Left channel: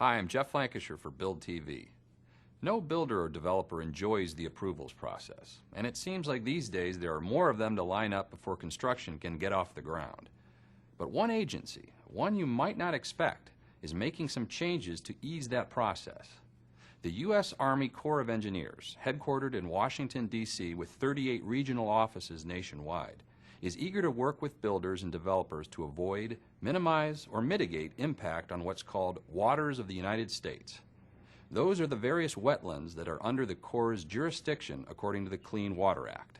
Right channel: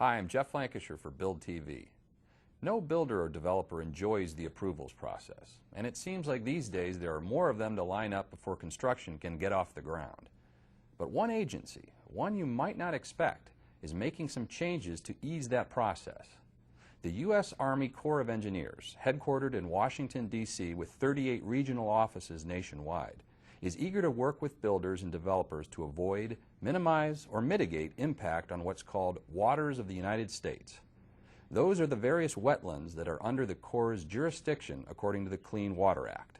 Hi, I'm Jeff Lancashire for Build TV. No builder or developer enjoys the approvals process, and it seems like these days there are more of them to line up before construction can get off the ground. But one agency, one you might not expect, is making some changes to ease that process. The U.S. Army Corps of Engineers, headquartered in Washington, D.C. with 38 regional offices nationwide, is eager to work with builders and developers to avoid, minimize, or mitigate impact on what's called waters of the United States. Those are the various wetlands that are under the Corps' jurisdiction according to the Clean Water Act.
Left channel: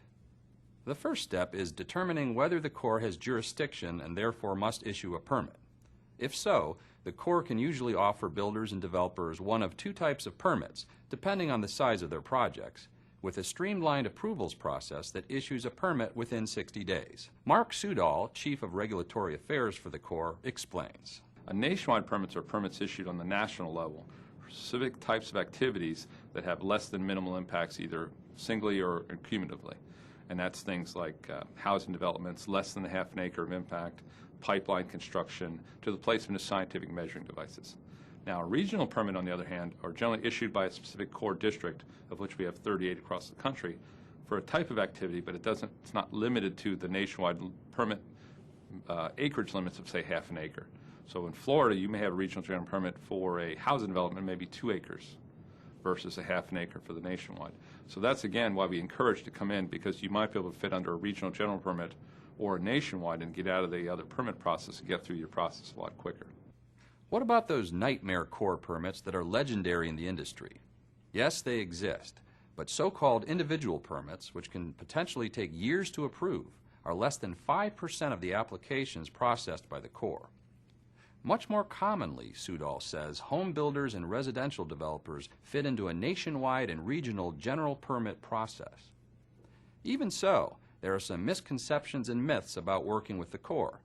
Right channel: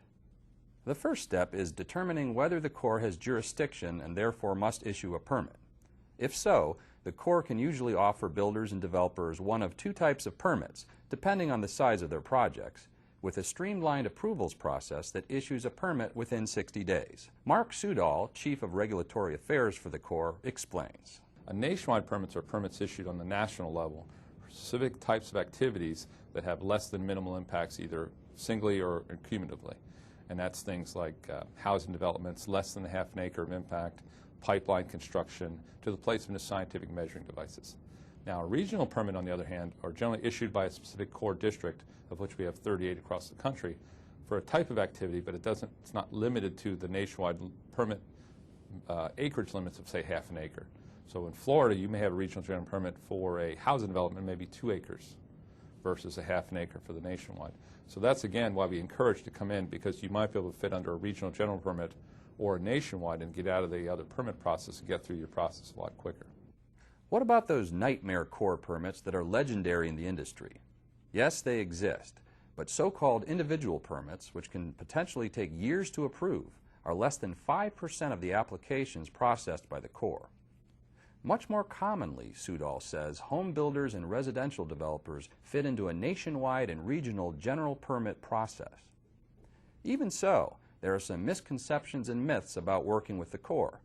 The first step is determining whether the Corps has jurisdiction and therefore must issue a permit. If so, the Corps can usually offer builders and developers one of two types of permits, depending on the size of their projects, with a streamlined approvals process that issues a permit within 60 days. Mark Sudol, Chief of Regulatory Affairs for the Corps, explains. Nationwide permits are permits issued on the national level for specific types of activities that have less than minimal impacts either singly or cumulatively. And that's things like housing developments, less than a half an acre of impact, pipeline construction, to the placement of scientific measuring devices. Now, a regional permit, on the other hand, are generally issued by a specific Corps district, of which we have 38 across the country, for a type of activity, but it's not limited to the nationwide permit acreage limits of, say, half an acre. So in Florida, you may have a regional general permit for a housing development, maybe 2 acres, versus a half an acre for the nationwide. So that's, again, why we encourage to come in, because you might be able to fit under a regional general permit or a nationwide and get out of the other permit process and get through your process a lot quicker. What about those nightmare Corps permits that are legendary in the industry? Yes, they exist, but so-called individual permits, which can potentially take years to approve, are less than 5% of the applications processed by the Corps. Much more commonly, Sudol says, home builders and residential developers fit into a nationwide and regional general permit process. Even so, there are some misconceptions and myths about working with the Corps,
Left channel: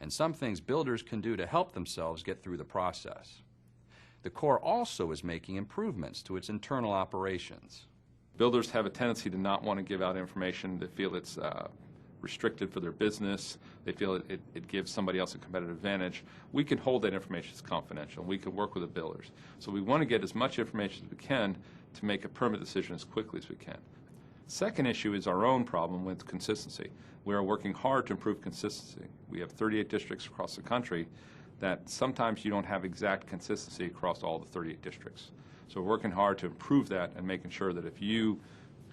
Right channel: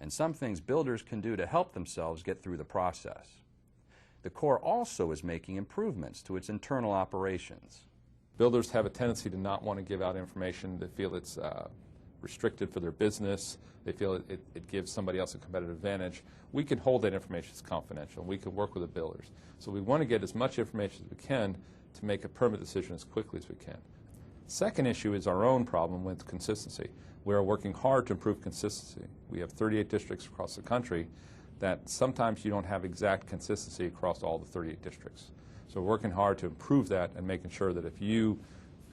and some things builders can do to help themselves get through the process. The Corps also is making improvements to its internal operations. Builders have a tendency to not want to give out information. They feel it's restricted for their business. They feel it gives somebody else a competitive advantage. We can hold that information as confidential. We can work with the builders. So we want to get as much information as we can to make a permit decision as quickly as we can. Second issue is our own problem with consistency. We are working hard to improve consistency. We have 38 districts across the country that sometimes you don't have exact consistency across all the 38 districts. So we're working hard to improve that and making sure that if you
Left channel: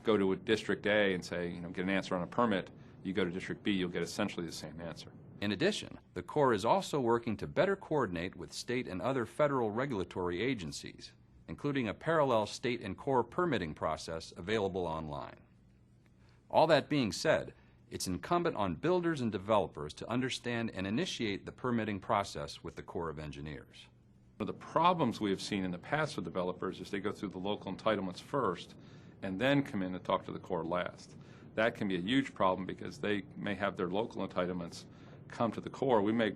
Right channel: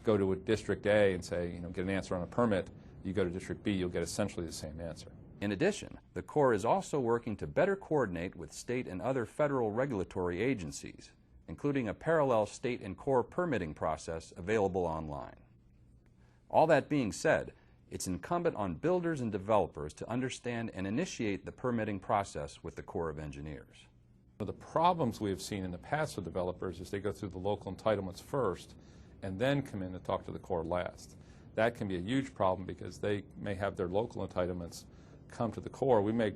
go to a District A and say, get an answer on a permit, you go to District B, you'll get essentially the same answer. In addition, the Corps is also working to better coordinate with state and other federal regulatory agencies, including a parallel state and Corps permitting process available online. All that being said, it's incumbent on builders and developers to understand and initiate the permitting process with the Corps of Engineers. One of the problems we have seen in the past with developers is they go through the local entitlements first and then come in and talk to the Corps last. That can be a huge problem because they may have their local entitlements come to the Corps. We may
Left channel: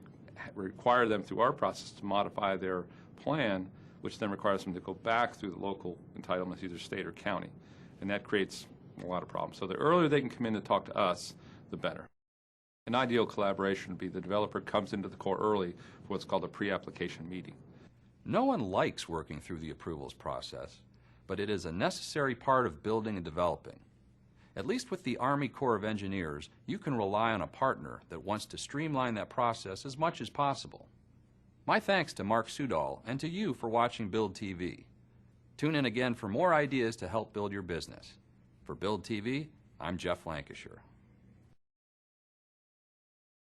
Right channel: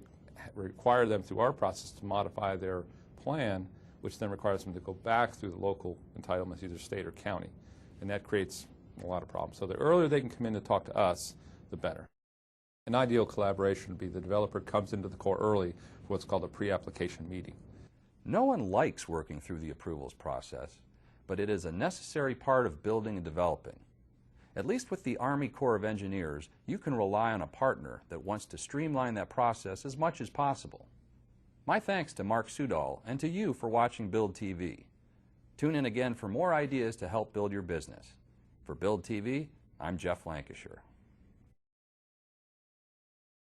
require them through our process to modify their plan, which then requires them to go back through the local entitlements, either state or county, and that creates a lot of problems. So the earlier they can come in to talk to us, the better. An ideal collaboration would be the developer comes into the Corps early for what's called a pre-application meeting. No one likes working through the approvals process, but it is a necessary part of building and developing. At least with the Army Corps of Engineers, you can rely on a partner that wants to streamline that process as much as possible. My thanks to Mark Sudol and to you for watching Build TV. Tune in again for more ideas to help build your business. For Build TV, I'm Jeff Lancashire.